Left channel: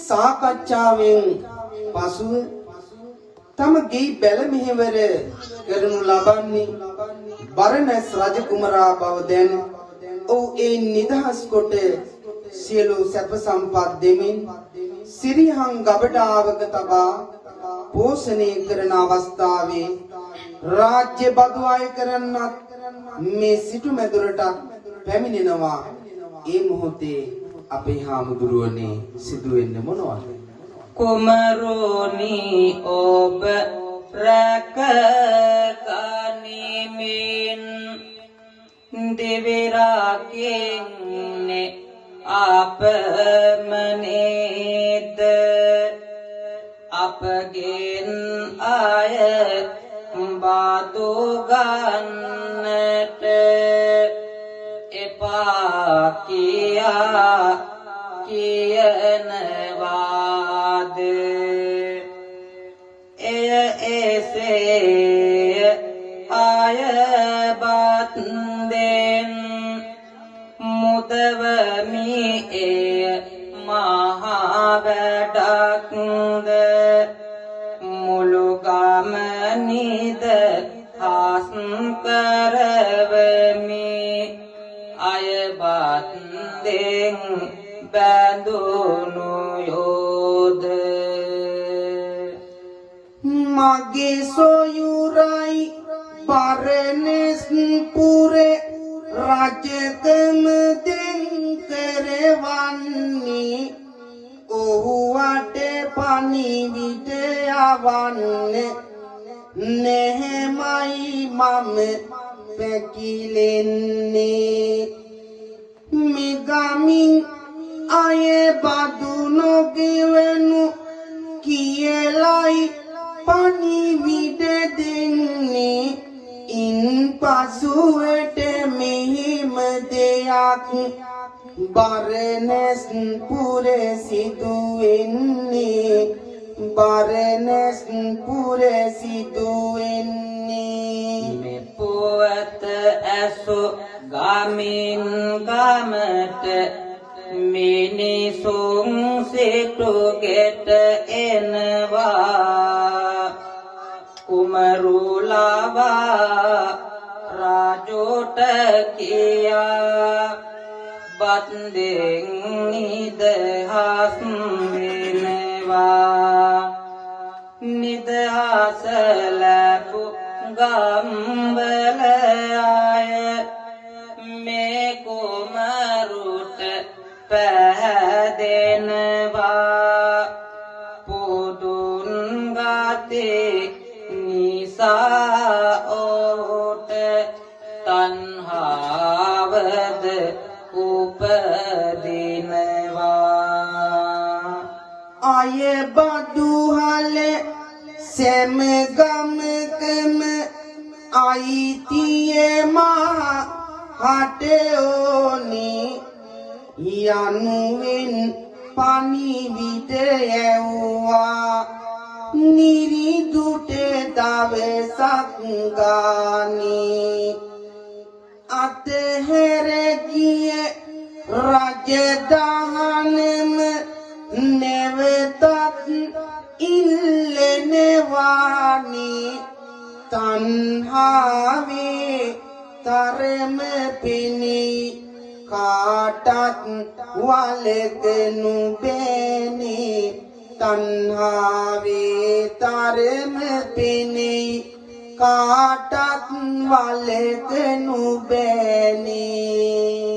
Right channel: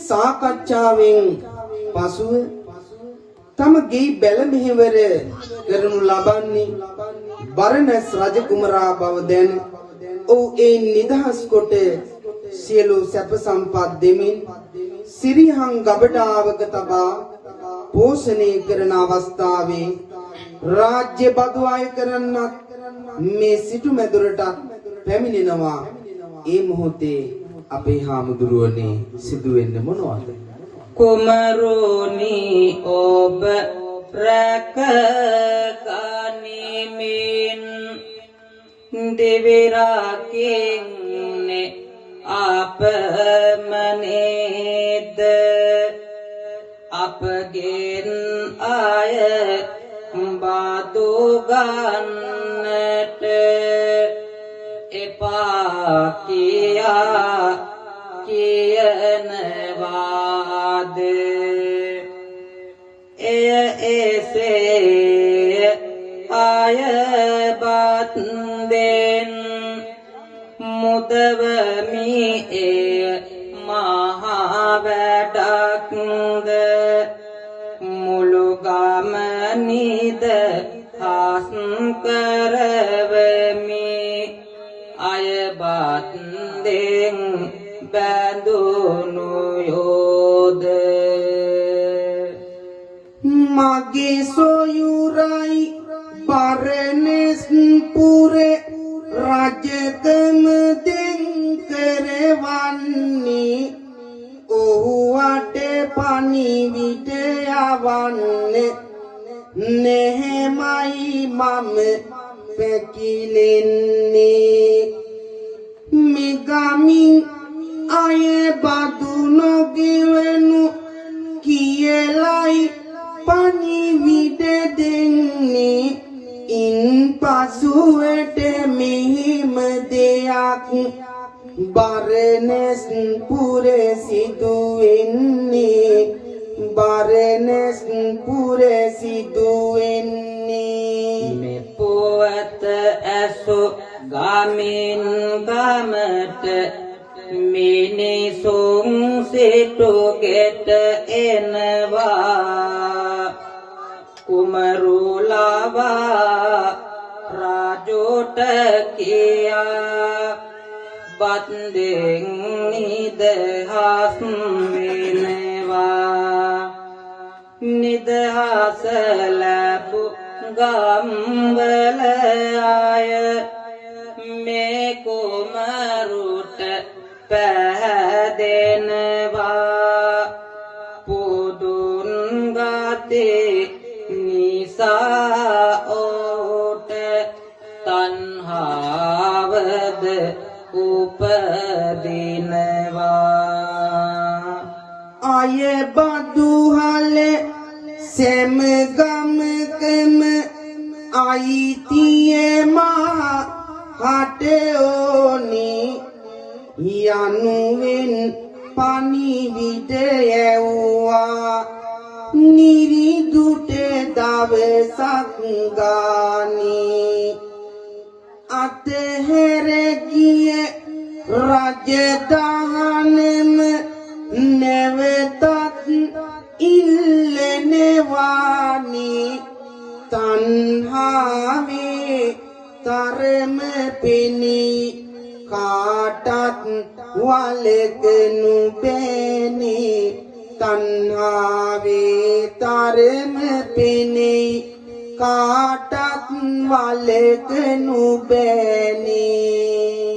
සාකච්ඡාවෙන් පසුව තම ගේ බැල මෙහෙවර කරනු ලබන්නේ බරණැස් රජ කුමරා බව දැන ඔහු ඒ නිදහස් කොට සියලු සැප සම්පත් දෙමින් සිරිහං ගබඩාවක තබා පෝෂණය කරන අවස්ථාවේ රාජ්‍ය බදු අය කරන්නත් මේ සිටු මැදුරට පැමිණෙනවා. ඒ මොහොතේ අපේ හාමුදුරුවනේ සිදුවෙන්නේ මොනවද? කුමරුනි ඔබ රැක ගනිමින් දෙවිරාකින්නේ අපමණේද අපගෙන් ආය බදු ගන්නට එපා කියා කියනවාද එසේ ආය බත්දෙන් මුදවමි එය මහා වැඩක්ද මුළු ගමනිද හස් කරවමි අයබත්දෙන් බැඳුණු යෝධ මගේ සොයුරයි බරණැස් පුරේ රජකම දෙන් කරවන්නේ ඔහු වටේ පණිවිඩ යවන්නේ නෙහෙමයි මම පැකිලෙන්නේ මිගමින් අය බදු නොගෙවනු කියලයි පණිවිඩ දෙන්නේ ඉන් පසුවට මෙහෙම දෙයක් බරණැස් පුරේ සිදුවෙන්නේ බරණැස් පුරේ සිදුවෙන්නේ මේ පොත ඇසු ගමින් ගමට මිනිසුන් සිටුගෙට එනවා කුමරුලවා රාජෝට කියා බත්දෙන් නිදහස් වෙනවා නිදහස් ලැබු ගම්වල අය මේ කුමරුට පැහැදෙනවා පුදුන් ගතේ නිසා ඔහුට තණ්හාවද උපදිනවා අය බදු හලේ සෑම ගමකම අයිතියේ මා හටේ ඕනි යනුවෙන් පණිවිඩ යැවුවා නිරිදුට දවසක් ගානේ අතහැර ගිය රජදහනෙම නැවතත් ඉල්ලනවානි තණ්හාවේ තරම පෙනී කාටත් වලකනු බෑනේ තණ්හාවේ තරම පෙනී කාටත් වලකනු බෑනේ